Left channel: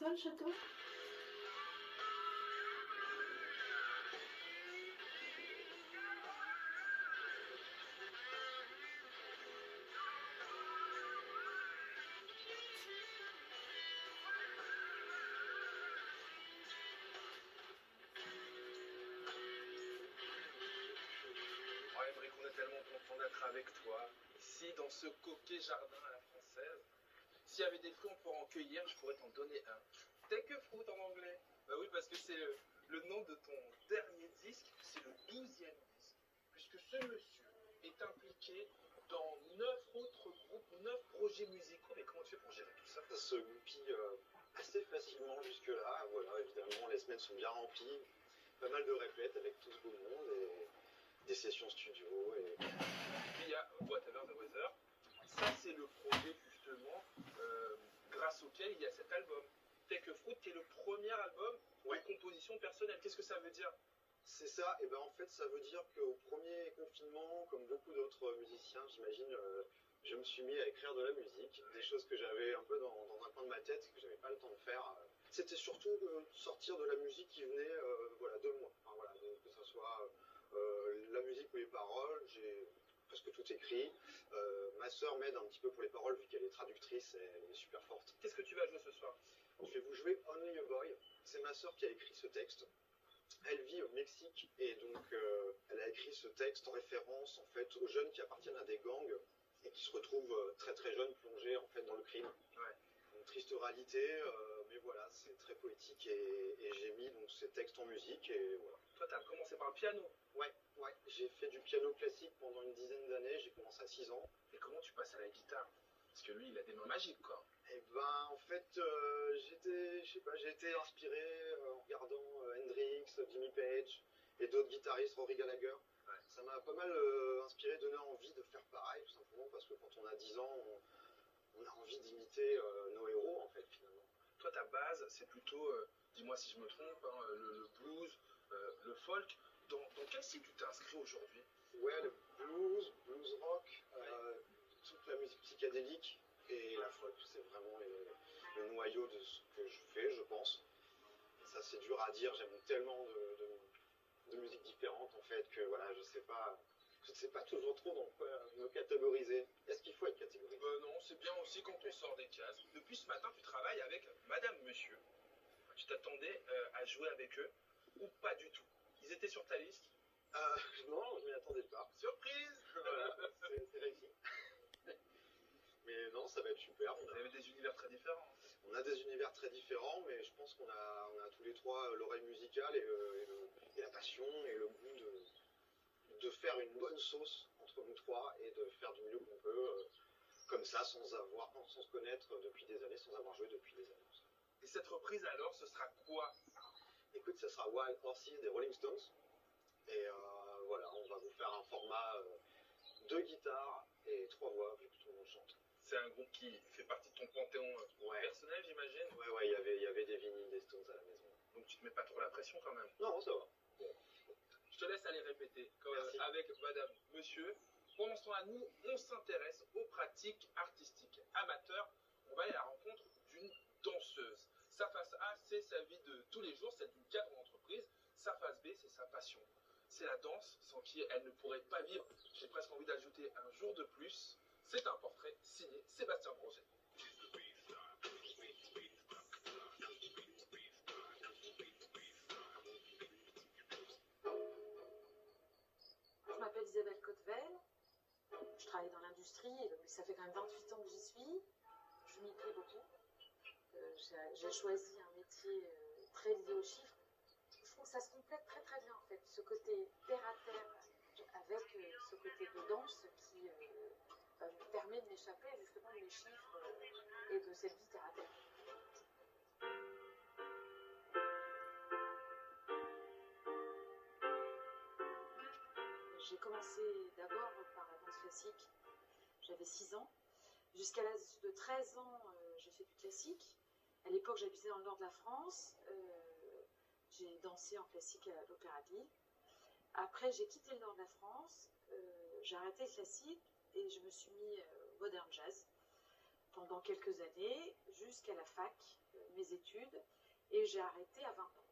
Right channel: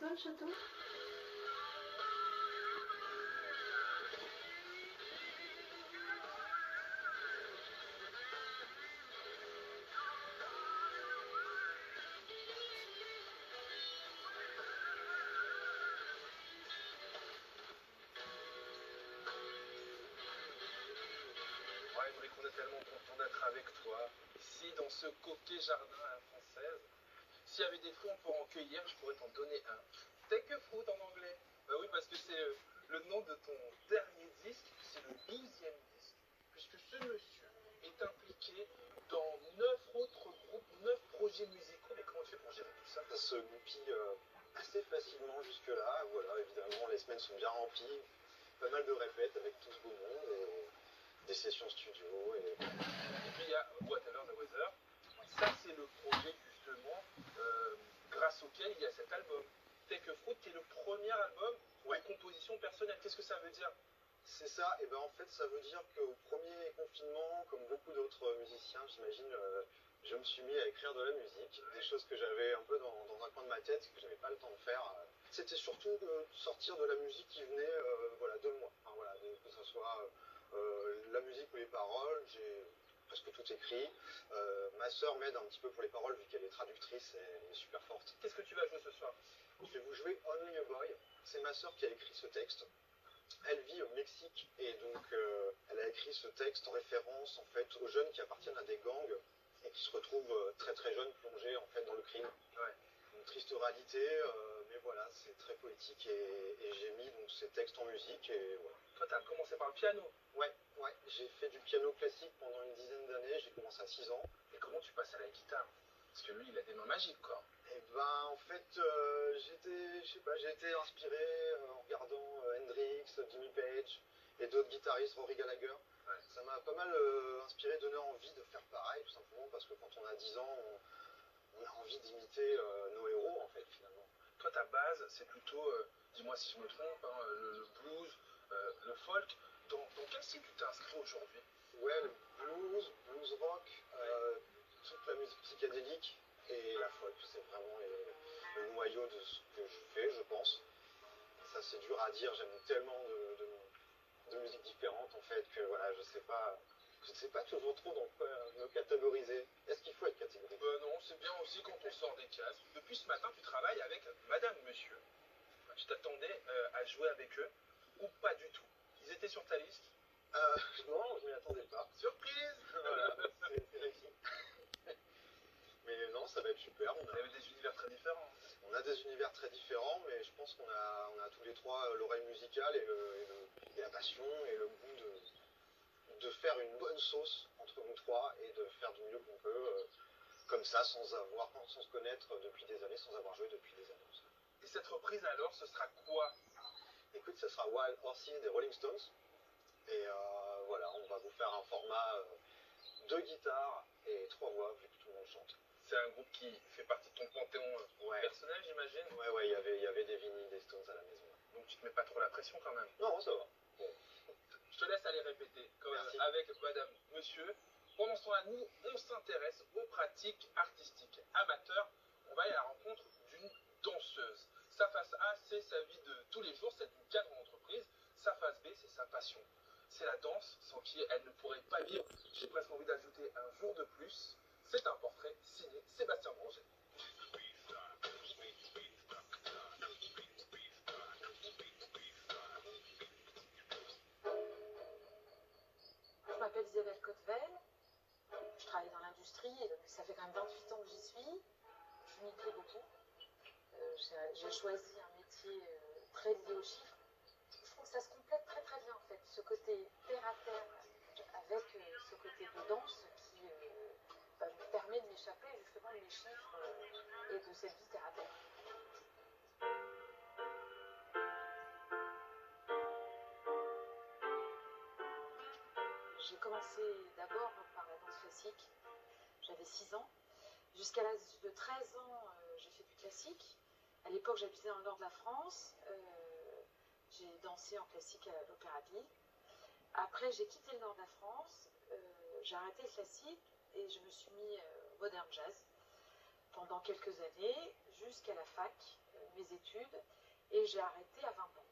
ça, le château? Ouais, Émeric, on est tellement content d'être avec toi, ici, dans ce coquet jardin à la française. S'il y avait des fruits pour en cueillir, je pourrais t'en donner un. Take a fruit en anglais. Bah oui, parce que c'est le nom de ton dernier disque, c'est le 12e disque, puisque ce monsieur est impliqué dans 9 autres groupes, 9 projets musicaux. Mais comment tu fais pour gérer tout ça? Ça se goupille assez facilement jusque-là. Voilà, évidemment, les semaines sont bien remplies. Pas mal de répètes avec tout ce beau monde et des sessions studio. Et puis il y a Whatever the Weather. Ça, c'est le projet justement grâce auquel il y a cet album. Take a Fruit, qui est le premier album de composition personnelle. Qu'est-ce que ça veut dire? C'est ça, et ben en fait ça veut dire qu'au premier confinement, comme beaucoup d'autres musiciens, j'imagine, je me suis mis à écrire de la musique, des choses que j'avais un peu dans un coin de ma tête, que j'avais pas le temps de faire. C'était surtout de sortir de la musique qui venait voilà, de moi, enfin, voilà, que ce soit la musique ou les paroles, j'ai presque tout écrit. Ma sœur m'aide un petit peu pour les paroles, vu qu'elle est traductrice, elle est super forte. Qu'est-ce que tu vas jouer ce soir? Je vais vous jouer Only a Boy, c'est ma sœur qui a écrit ce texte. Elle vit au Mexique et donc elle a écrit ce texte en référence en fait aux jeunes qui appartiennent à des gangs et qui se retrouvent très très jeunes plongés en fait dans le crime. Ouais. Une triste réalité, mais voilà, c'est très poétique et j'ai mis donc ces textes en musique et voilà. Toi, tu as commencé par le piano? Ouais, j'ai fait du piano classique pendant une dizaine d'années, j'ai commencé à 6 ans. Et comment tu passes à la guitare? Parce que lui, il a des mains magiques, quoi. Et ben, en fait, j'ai été inspiré en regardant Hendrix, Jimmy Page et d'autres guitaristes, Rory Gallagher. Ouais. Ça m'a pas mal inspiré, donné envie de faire pareil, tout simplement, parce que quand on a 10 ans, on a envie d'imiter nos héros, en fait, finalement. Toi, ta base, c'est plutôt, dis-moi si je me trompe, hein, le blues, le folk. Dans quel style tu t'es inscrit aujourd'hui? Ouais, le blues rock, toute la musique psychédélique et la folk, c'est vraiment le noyau de ce que je fais, je pense. Ça, c'est dur à dire, j'aime tellement de musiques différentes, en fait, que voilà, je ne sais pas toujours trop dans quoi me catégoriser. Est-ce qu'il faut être catégorisé? Non, c'est bien aussi quand on sort des cases. Depuis ce matin, tu travailles avec Madame Monsieur. Tu t'attendais à jouer avec eux ou pas du tout? Ils étaient sur ta liste? Non, je m'y attendais pas. Surprise! Voilà, c'est réussi. Mais non, ça va être super. Vous avez des univers très différents. On a des univers très différents, mais je pense qu'on a tous les trois l'oreille musicale et la passion et le goût de faire une bonne sauce entre nous trois et de faire du mieux qu'on peut, comme ça, sans se connaître depuis des années, sans avoir joué depuis des années. Et cette reprise alors, ce sera quoi? Écoute, ça sera Wild Horses des Rolling Stones. Et voilà, on va vous faire un format 2 guitares et 3 voix, vu que tout le monde chante. C'est un groupe qui fait partie de ton panthéon personnel, j'imagine? Ouais, il y avait des vinyles, des Stones à la maison. Donc tu te mets pas trop la pression quand même? Non, ça va. Bon. Je te laisse aller répéter quand même avec Madame Monsieur. Pendant ce temps-là, nous, on s'intéresse aux pratiques artistiques amateurs. On va aller à la rencontre d'une danseuse. Sa face A, c'est sa vie de tous les jours, celle d'une cadre d'entreprise. Sa face B, c'est sa passion. C'est la danse sans qui elle ne pourrait pas vivre. J'ai presque envie d'ajouter un jour de plus. C'est un portrait signé Sébastien Bronger. Je m'appelle Isabelle Cotevel, je travaille dans l'industrie et ça fait quand même 28 ans que j'y suis. Je m'y plais beaucoup. J'ai choisi un métier très lié aux chiffres. Je trouve que ça se complète très très bien en fait, ce côté terre à terre avec ce côté de danse qui me permet de m'échapper justement de mes chiffres et de cette vie terre à terre. J'ai commencé d'abord par la danse classique, j'avais 6 ans. Jusqu'à l'âge de 13 ans, j'ai fait du classique. À l'époque, j'habitais dans le nord de la France. J'ai dansé en classique à l'Opéra de Lille. Après, j'ai quitté le nord de la France, j'ai arrêté le classique et je me suis mis au modern jazz. pendant quelques années, jusqu'à la fac, mes études, et j'ai arrêté à 20 ans.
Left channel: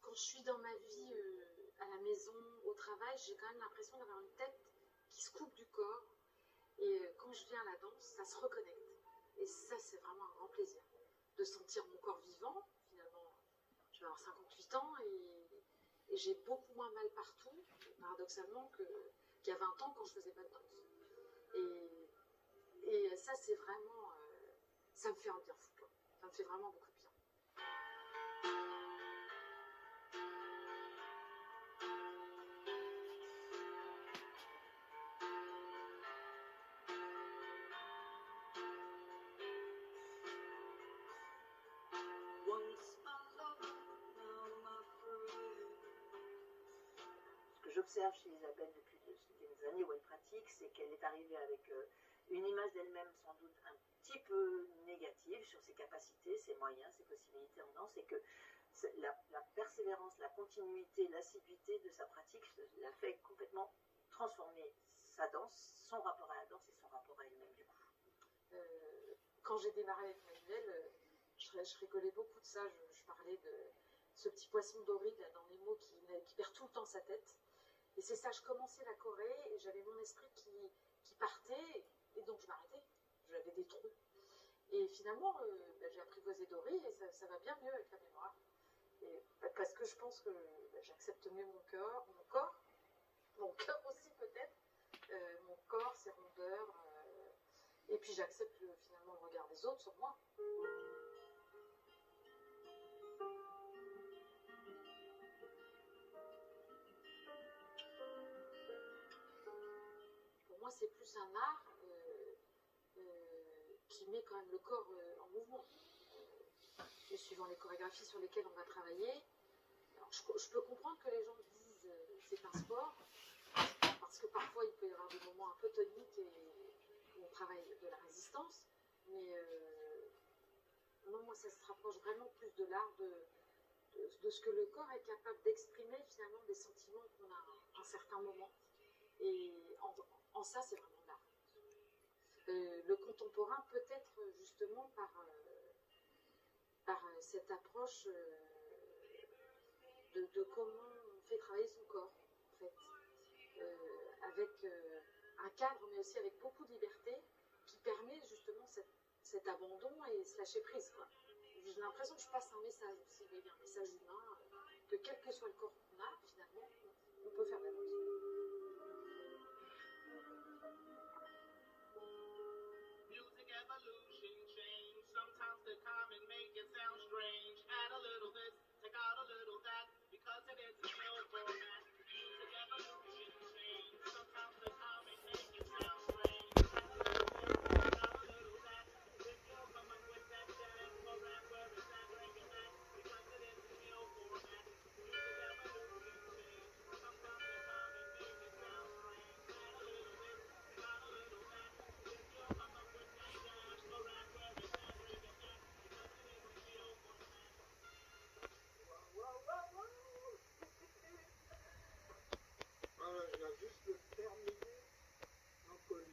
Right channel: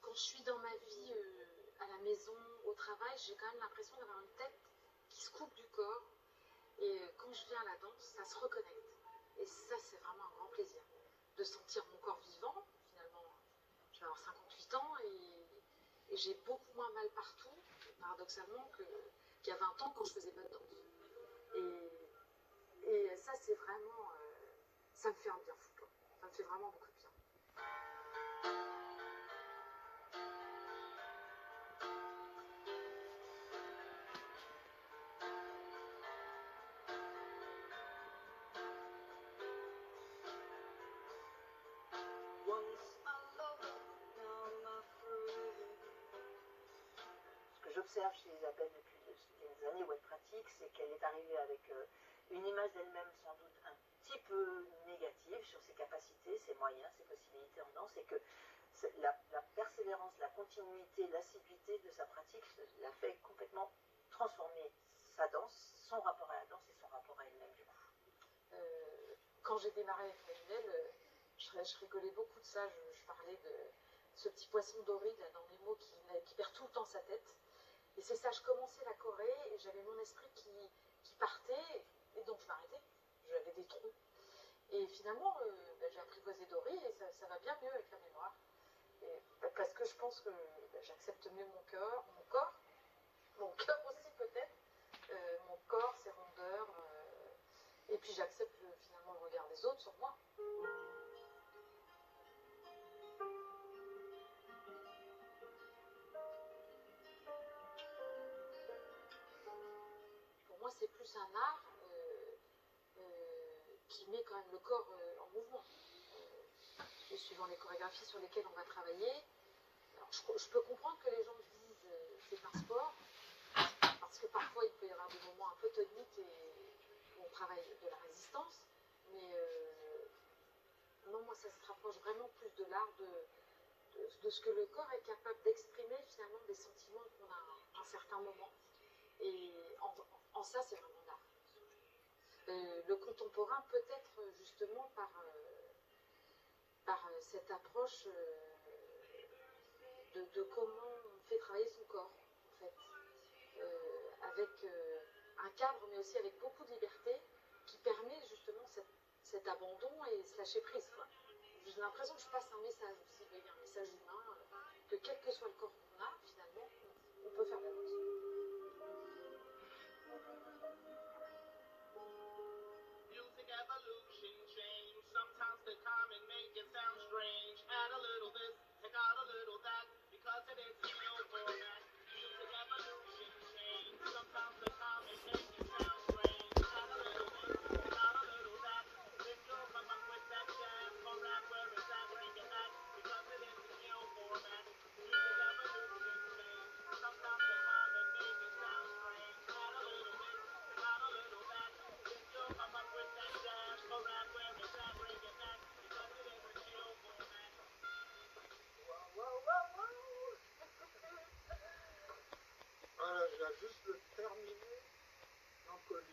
Quand je suis dans ma vie à la maison, au travail, j'ai quand même l'impression d'avoir une tête qui se coupe du corps. Et quand je viens à la danse, ça se reconnecte. Et ça, c'est vraiment un grand plaisir. De sentir mon corps vivant, finalement. Je vais avoir 58 ans et j'ai beaucoup moins mal partout, paradoxalement, qu'il y a 20 ans quand je faisais pas de danse. Et ça, c'est vraiment... ça me fait un bien fou, quoi. Ça me fait vraiment beaucoup de bien. Ce que j'observe chez Isabelle depuis des années où elle pratique, c'est qu'elle est arrivée avec une image d'elle-même sans doute un petit peu négative sur ses capacités, ses moyens, ses possibilités en danse, et que la persévérance, la continuité, l'assiduité de sa pratique l'a fait complètement transformer sa danse, son rapport à la danse et son rapport à elle-même du coup. Quand j'ai démarré avec Manuel, je rigolais beaucoup de ça, je parlais de ce petit poisson doré là, dans les mots qui perd tout le temps sa tête. Et c'est ça, je commençais la choré et j'avais mon esprit qui partait et donc je m'arrêtais. J'avais des trous. Et finalement, j'ai apprivoisé Dory et ça va bien mieux avec la mémoire. Et, parce que je pense que j'accepte mieux mon cœur aussi peut-être, mon corps, ses rondeurs, et puis j'accepte finalement le regard des autres sur moi. Pour moi, c'est plus un art qui met quand même le corps en mouvement. Suivant les chorégraphies sur lesquelles on va travailler. Alors, je peux comprendre que les gens disent c'est un sport, parce que parfois il peut y avoir des moments un peu toniques où on travaille de la résistance, mais non, moi ça se rapproche vraiment plus de l'art de ce que le corps est capable d'exprimer finalement des sentiments qu'on a à un certain moment. Et en ça, c'est vraiment l'art. Le contemporain peut-être justement par cette approche de comment on fait travailler son corps, en fait, avec un cadre, mais aussi avec beaucoup de liberté, qui permet justement cet abandon et ce lâcher prise, quoi. J'ai l'impression que je passe un message aussi, un message humain, que quel que soit le corps qu'on a, finalement, on peut faire de la danse. Music evolution change. Sometimes they come and make it sound strange. Add a little this, take out a little that, because it is a new format. Music evolution change. Sometimes they come and make it sound strange. Add a little this, take out a little that, then you'll come up with that jazz or rap. Where is that? Bring it back, because it is a new format. Music evolution change. Sometimes they come and make it sound strange. Add a little this, take out a little that, then you'll come up with that jazz or rap. Where is that? Bring it back, because it is a new format. Voilà, je viens juste de terminer l'encolure.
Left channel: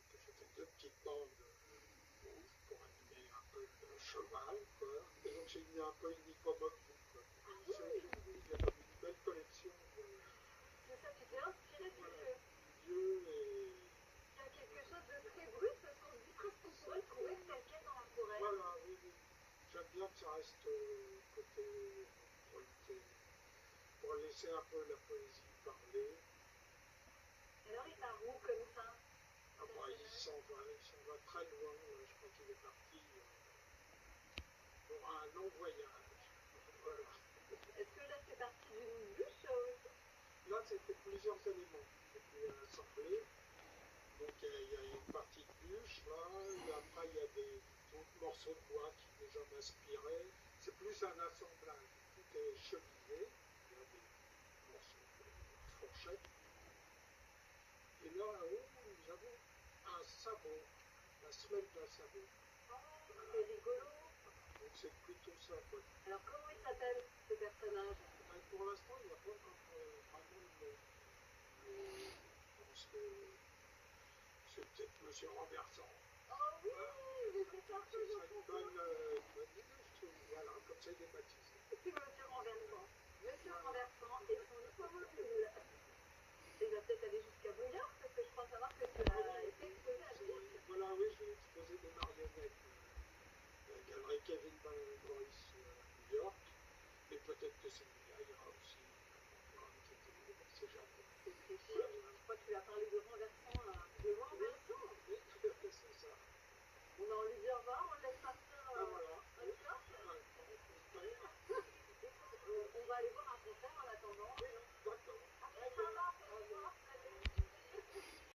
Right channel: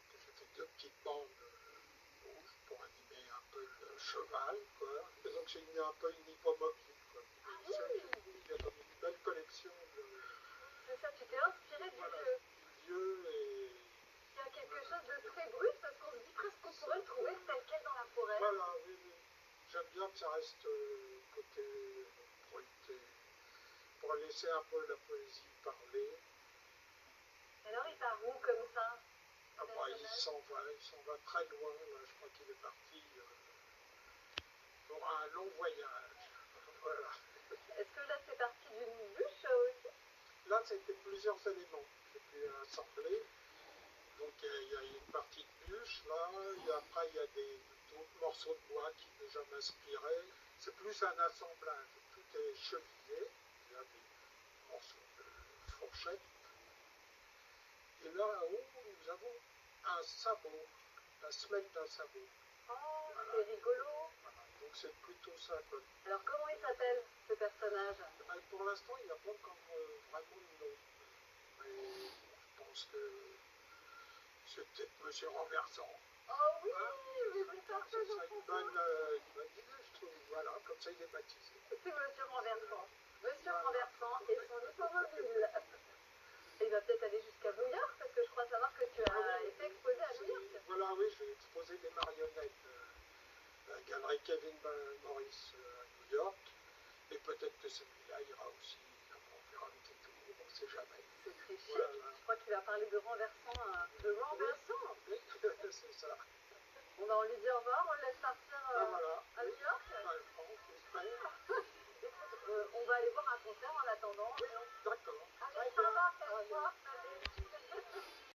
Donc j'ai fait 2 petites bandes rouges pour animer un peu le cheval, quoi. Et donc j'ai mis un peu une hippomobile, quoi. Oui, il y a comme une belle collection de... C'est ça, tu t'es inspiré voilà, du lieu. du lieu et... Il y a quelque chose de très brut parce qu'on se dit presque qu'on pourrait le trouver tel quel dans la forêt. Voilà, oui, oui. J'aime bien que ça reste côté pointé, pour laisser un peu la poésie parler. Alors il part où comme ça? Ah bah, il s'en va très loin, là, je crois qu'il est parti pour un long voyage. Voilà. Est-ce que là c'est parti d'une bûche aussi? Là, c'était plusieurs éléments que j'ai pu assembler. Donc il y a une partie de bûche, là, et après il y a d'autres morceaux de bois qui déjà m'inspiraient. C'est plus un assemblage, tout est chevillé, il y a des morceaux de fourchette. Et là, haut, nous avons un sabot, la semelle d'un sabot. Oh, voilà. c'est rigolo. Voilà, Donc c'est plutôt ça, quoi. Alors comment il s'appelle ce personnage? Pour l'instant, il n'y a pas encore vraiment de nom. Mais je pense que c'est peut-être Monsieur Renversant. Oh oui, Hein? j'ai vu ça Ça serait une bonne idée, je trouve. Voilà, comme ça il est baptisé. C'est Monsieur Renversant. Monsieur Renversant et son hippomobile. Et il va peut-être aller jusqu'à New York, parce que je crois savoir que tu as été exposé à New York. Voilà, oui, j'ai exposé des marionnettes à la galerie Kevin Morris à New York. Et peut-être que celui-là ira aussi, on fera un petit tour, on ne sait jamais. C'est très chic. Voilà. Je crois qu'il a parlé de Renversant